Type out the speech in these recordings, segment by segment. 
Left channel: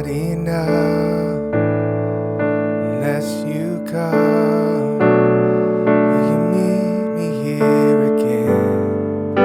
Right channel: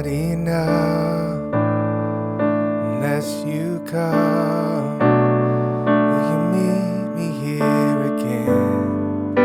not enough unless you come. Will you meet me here again?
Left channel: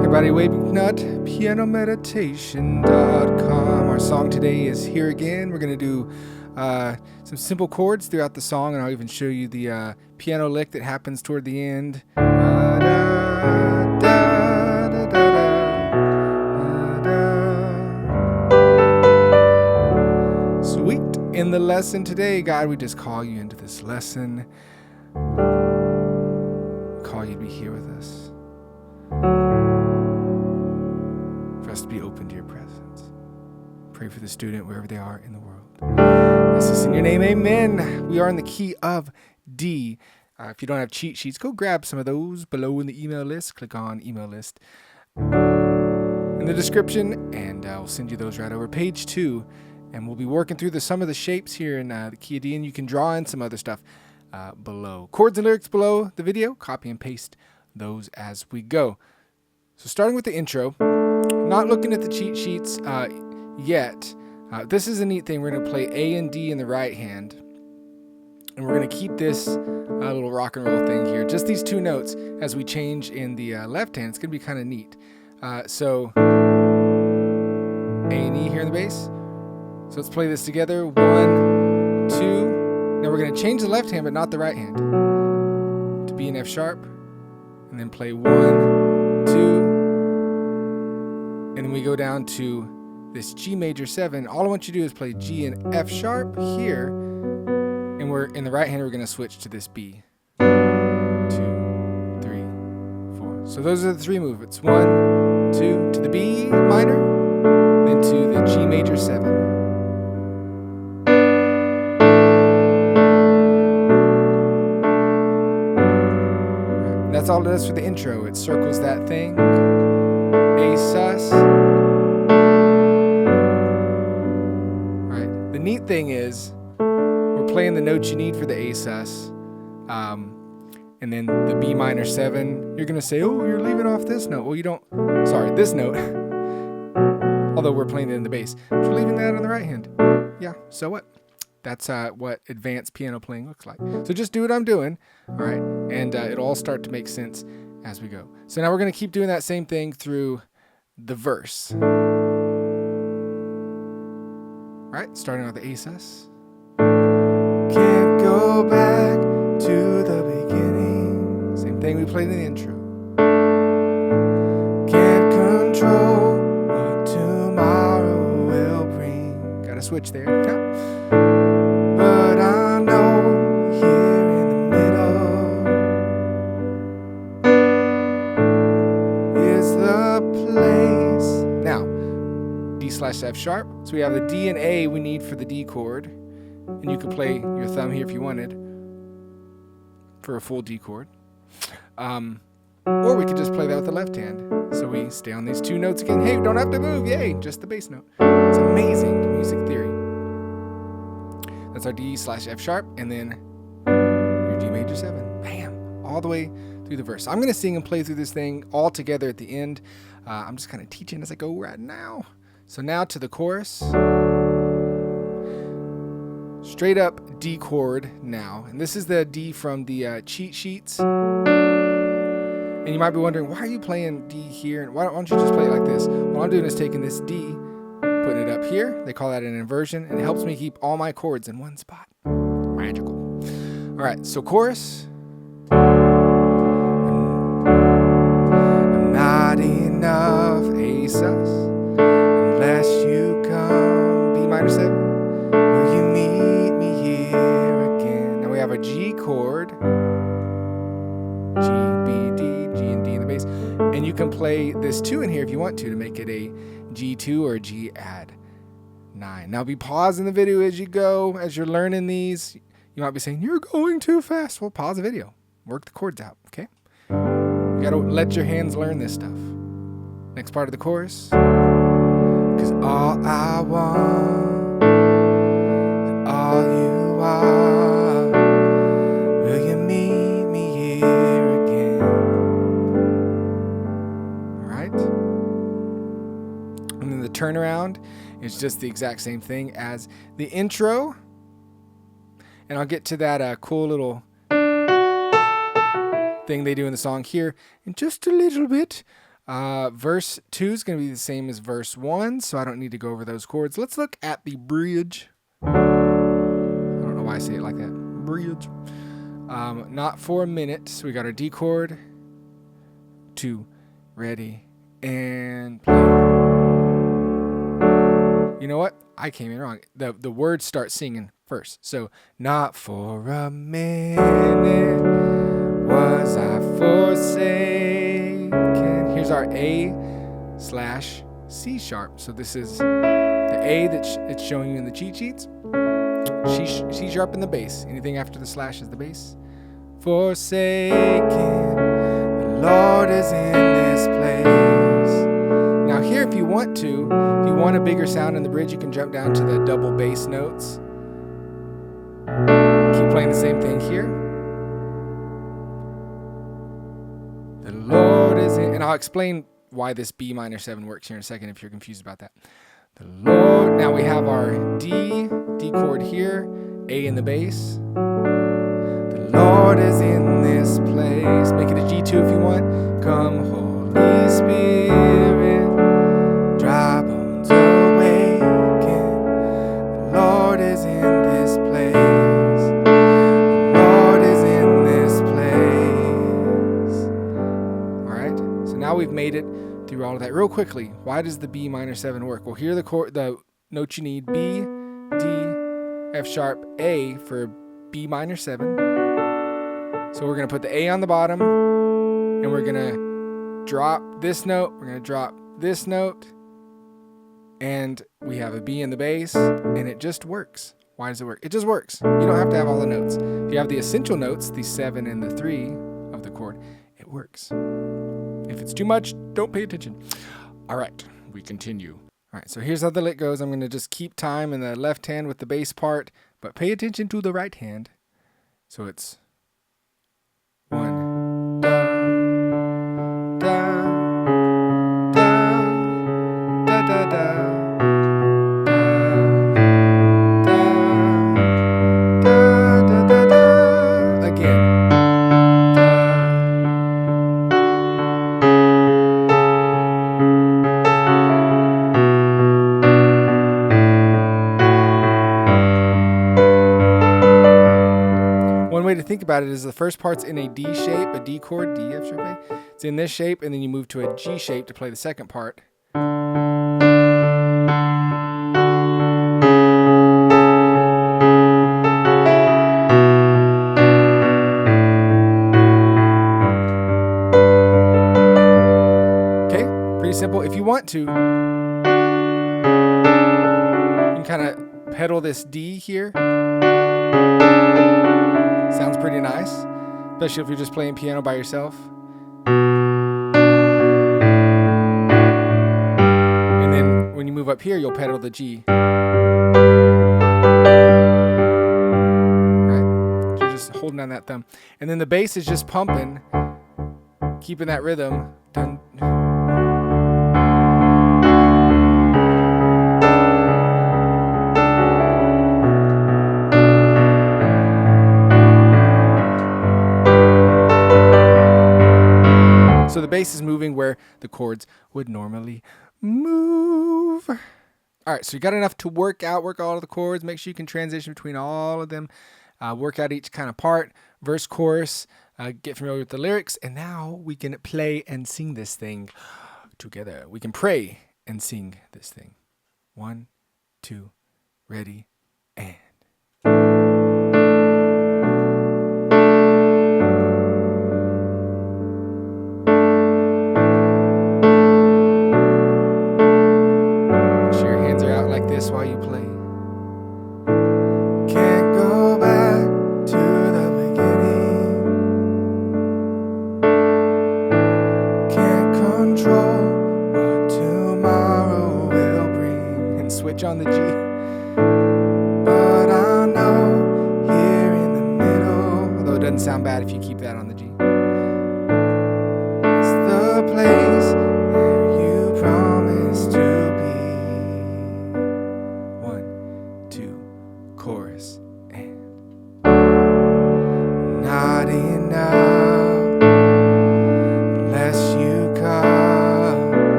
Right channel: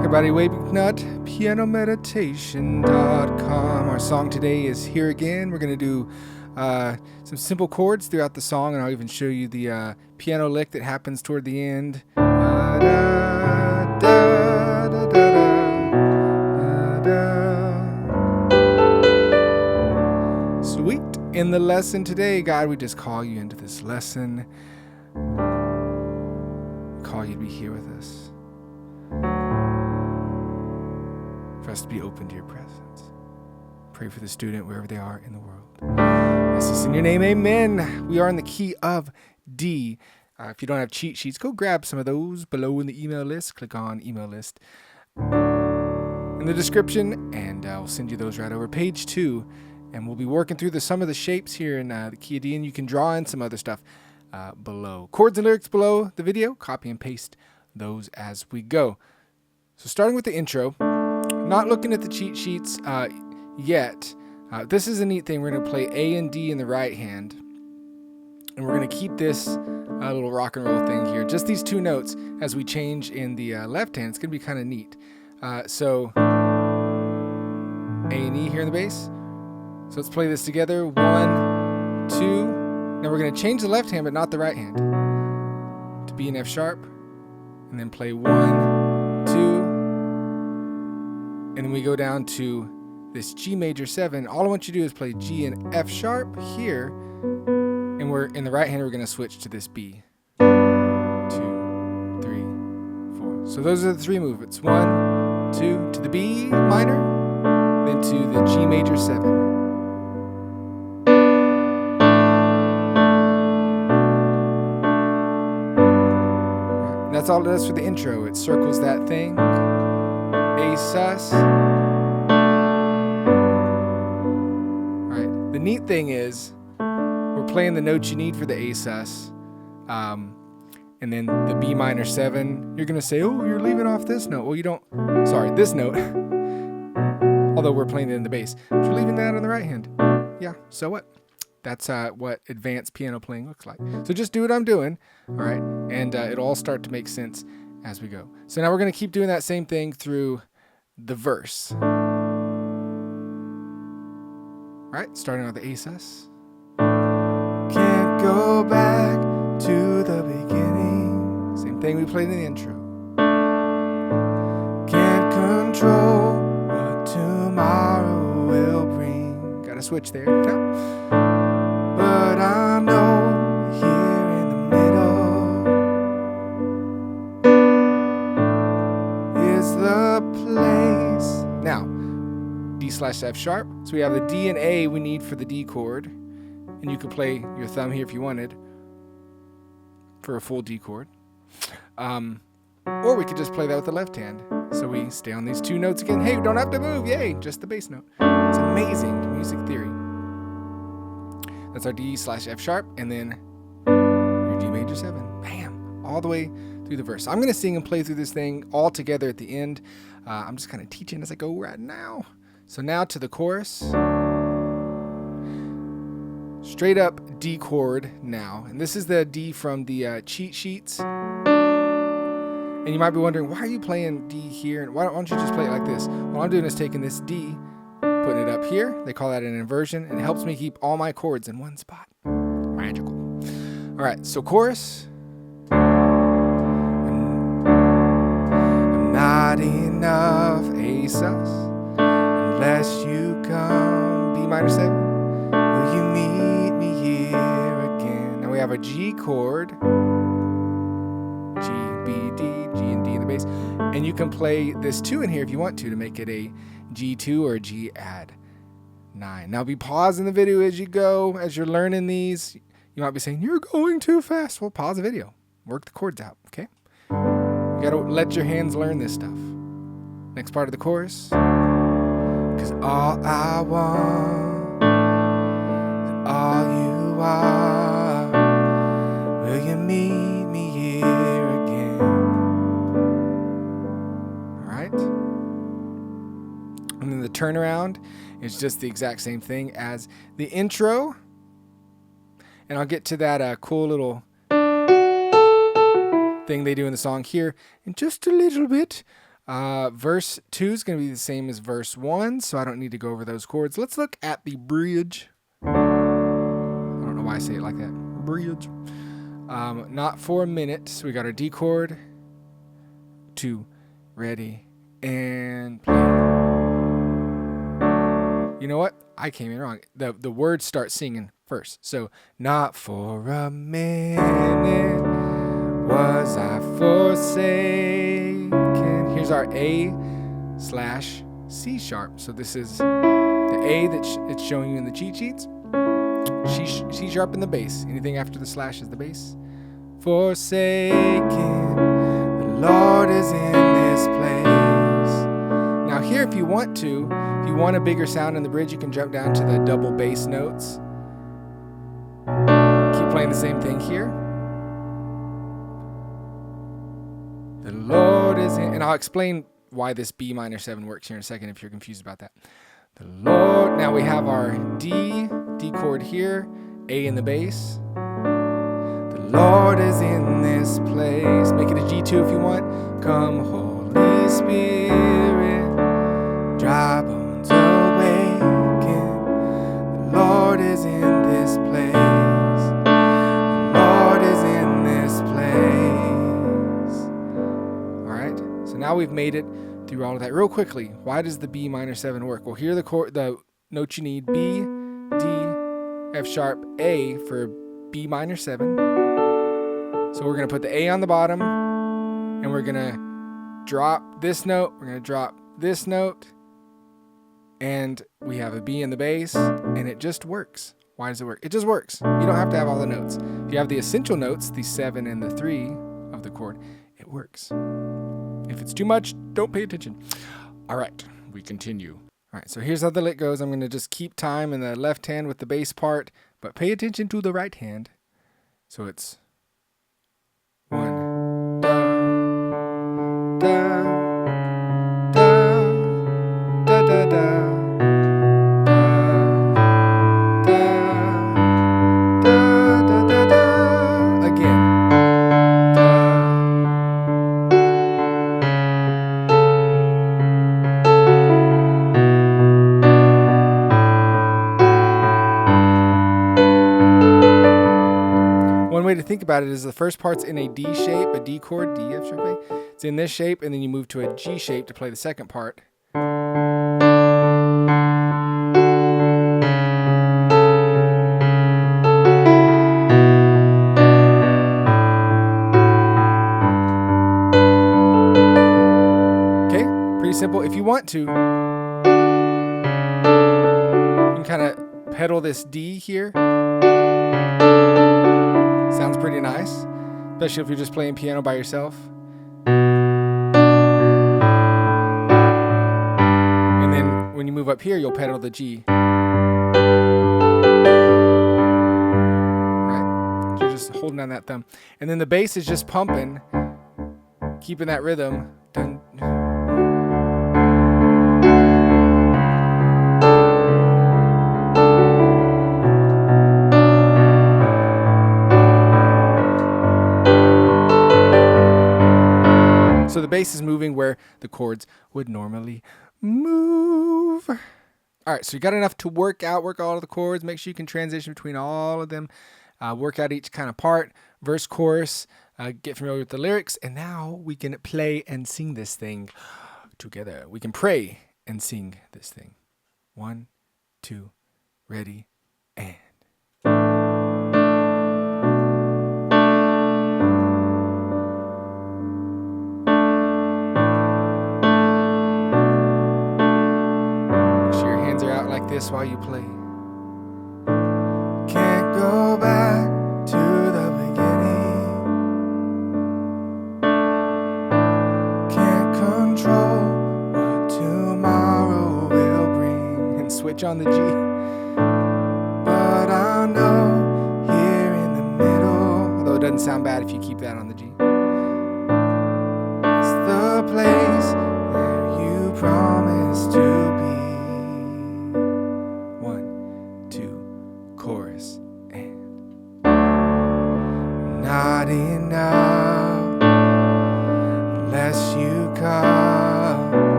Hey everybody, McNutt, pianomeditation.com. Our song today is Here Again. We're going to do some simple chords throughout the song, and I'll even show you the piano lick that happens toward the end. Da, da, da, da, da, da. Sweet. In the lesson today, God, we just call you into this lesson. We call you to be here with us. For us to be open to your presence. Pray for the student wherever they are in the world. Yes, it's in your name, amen. We are in the key of D. If you don't have cheat sheets, go grab some of those below in the email list. Click on email list in the description, and I'll send you those right over. Page 2, and we'll be working through some of the shapes here in the key of D, and you can draw in some other stuff below. Chords and lyrics below the video. Copy and paste those as we go. So starting with the intro, not looking at the cheat sheets yet. This is a neat thing. We're going to play A and D in the right hand, and we're going to keep this little rock and roll thing here. Just these two notes as we change in the left hand. It's going to be kind of neat. So A and E here in the bass. So let's play this together. 1, 2. Now we're going to change the left hand, but not the right hand, to B and F sharp, and then play 1, 2, and then we go down to this G major 7. All I want you to do is play G and F sharp here, and we're in the right hand. We're going to switch to this B. 2, 3, 4. So those are the three movements. 1, 2 to the B minor, then to the G major 7. And that's all it does for the intro. It circles that thing. A sus. Alright, the neat thing is we're playing the notes you need for the A sus, and then the B minor 7. You're going to say, oh, you're leaving off this note. Well, you don't, sorry, this note, although we're playing it in the bass. But you're leaving that on the right hand. Yeah, so what? That's what advanced piano playing looks like. So just do what I'm doing, alright, and it'll all start to make sense as we go. So now we're going to keep doing that same thing through the verse. Right, starting with the A sus. Can't go back to the beginning. Same thing we played in the intro. Can't control what tomorrow will bring. Got to switch there. No. But I know here in the middle is the place. Now, D/F sharp. So we have the D and A we need for the D chord. And you could play your thumb here if you wanted for a full D chord. Or we could just play that with the left hand. So we stay on these two notes again. Hey, we don't have to move. Yay, just the bass note. It's amazing music theory. That's our D/F sharp, and then your G major 7. Bam! All the way through the verse. I'm going to sing and play through this thing all together at the end. I'm just kind of teaching as I go right now. So now to the chorus. Straight up D chord now. And this is the D from the cheat sheets. And you might be wondering, why are you playing D here? And why don't you just play it like this? What I'm doing is taking this D, putting it up here. They call that an inversion, and it helps me keep all my chords in one spot. Magical. All right, so chorus. I'm not enough, A sus, unless you come. B minor 7. Will you meet me here again? Now we have a G chord. G, B, D, G and D in the bass. And you can play this 2 in here if you want to make it a G2 or a G add 9. Now be pausing the video as you go, as you're learning these. You might be saying, you're going too fast. Well, pause the video. Work the chords out, okay? You gotta let your hands learn this stuff. Next part of the chorus. 'Cause all I want, and all you are, will you meet me here again? All right? And And then the turnaround is just the exact same thing as the intro. And I'll get to that cool little thing they do in the song here in just a little bit. Verse 2 is going to be the same as verse 1, so I don't need to go over those chords. Let's look at the bridge. I don't know why I say it like that. Bridge. Not for a minute. So we got our D chord, 2, ready, and play. You know what? I came in wrong. The words start singing first. So, not for a minute was I forsaken. Here's our A/C sharp. So this is the A that it's showing you in the cheat sheets. C sharp in the bass. Anything after the slash is the bass. Forsaken, the Lord is in this place. Now here, if you want a bigger sound in the bridge, you can jump down to the double bass notes. Keep playing the same thing here. The Lord is in, and I'll explain why this Bm7 works here in a second if you're confused about that. The Lord, now we have our D chord here, A in the bass. The Lord is in this place. Make it a G2 if you want. Come, Holy Spirit, dry bones awaken. The Lord is in this place. The Lord is in this place. All right, so now we've made it through all of that. Real quickly, why does the Bm7 work? Well, here are the notes you need: B, D, F sharp, A for Bm7. So we're going to put the A on the bottom, and we're going to drop this note, we're going to drop this note, and we have a B in the bass, and it just works. Why does it work? It just works. You don't have to have all the notes. If you have the essential notes, the 7 and the 3 of the chord, it works. If it's too much, don't pay attention. All right, we continue. All right, so here's how the lick goes. I'm going to just keep time in the left hand with the bass part, but pay attention to the right hand. So it's 1, da, da, da, da, da, da. One way to think about it is the first part's in a D shape, a D chord, D, F sharp A. It's in this shape, and then you move to a G shape to play the second part. Okay, pretty simple. If you want to, you can kind of pedal this D here. Sounds pretty nice, especially if you're just playing piano by yourself. And then when you move up here, you'll pedal the G. Right? You're just holding down that thumb. And then the bass is just pumping, keeping that rhythm. Dun. So the bass is moving where the chords would normally move. All right, so you got enough to work all of the chords. Make sure you can transition between all of them. Work out each kind of part, verse, chorus, get familiar with the lyrics. And now we can play and sing this thing together. We can pray and sing this thing. 1, 2, ready, and. Like this while you play. Can't go back to the beginning. Can't control what tomorrow will bring. And switch on the G. But I know here in the middle, although it doesn't sound bad if you keep that on the G. It's the place where you promised to be.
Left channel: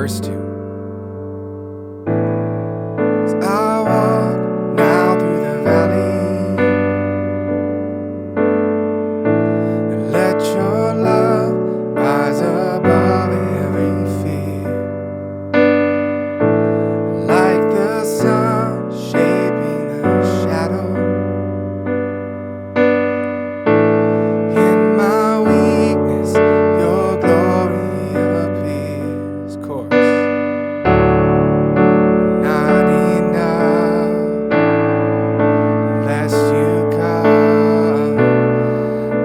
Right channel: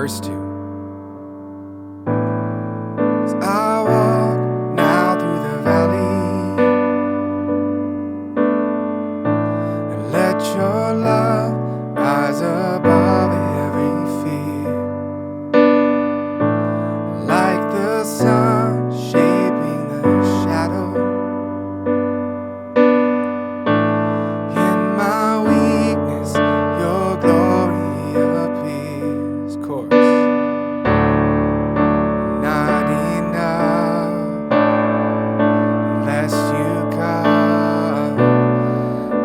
verse 2. As I walk now through the valley, and let your love rise above every fear, like the sun shaping the shadow. In my weakness, your glory appears. Chorus. Not enough unless you come.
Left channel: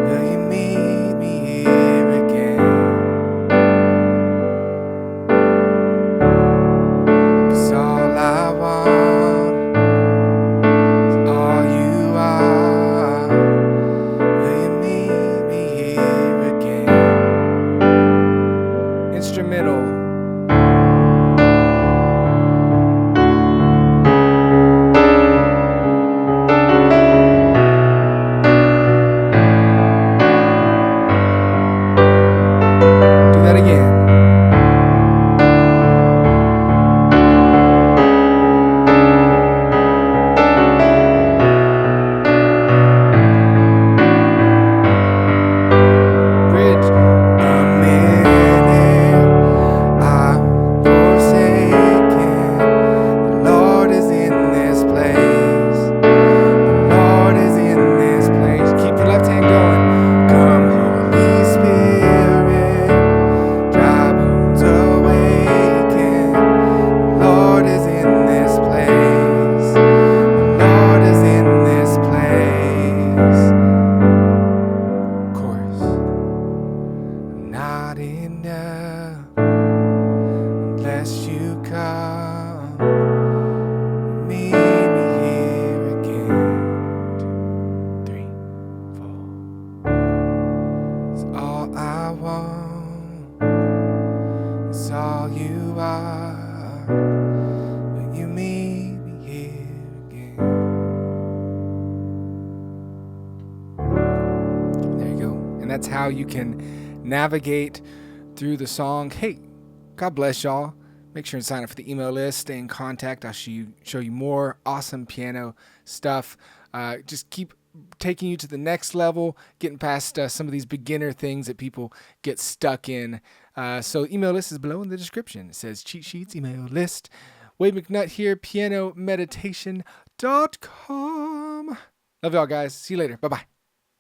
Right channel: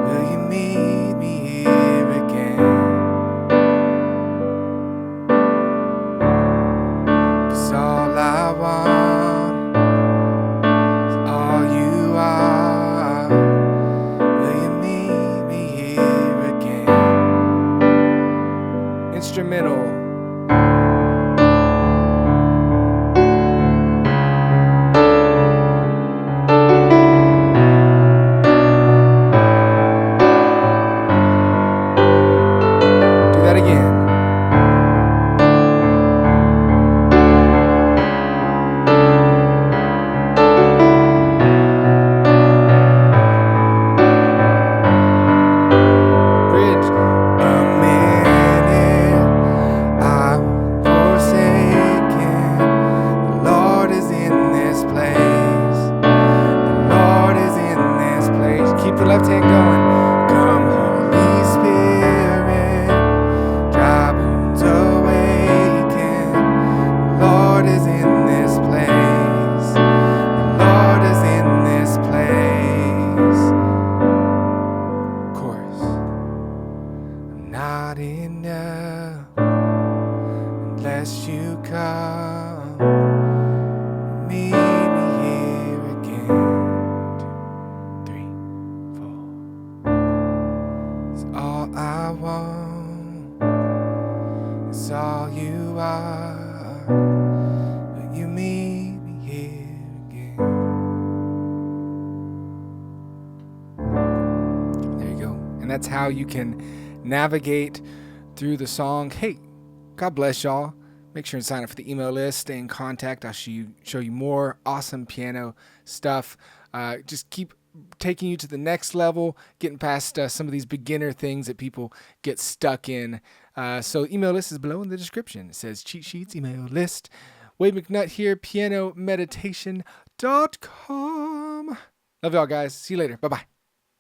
Will you meet me here again? 'Cause all I want is all you are. Will you meet me here again? Instrumental. Do that again. Bridge. A minute I'm forsaken. The Lord is in this place. The Lord is in this place. Keep the left hand going. Come, Holy Spirit, dry bones awaken. The Lord is in this place. The Lord is in this place. Chorus. Not enough unless you come. Meet me here again. 2, 3, 4. It's all I want. It's all you are. Will you meet me here again? There you go. And that's how you can navigate through the song. Hey, God bless y'all. Make sure and sign up for the email list. Stay in contact. I'll show you more awesome piano stuff. Just keep taking you to the next level, getting past some of these beginner things that people get stuck in. So email list is below in the description. It says cheat sheets, email list. Wade McNutt here, pianomeditation.com. Love y'all, guys. See you later. Bye-bye.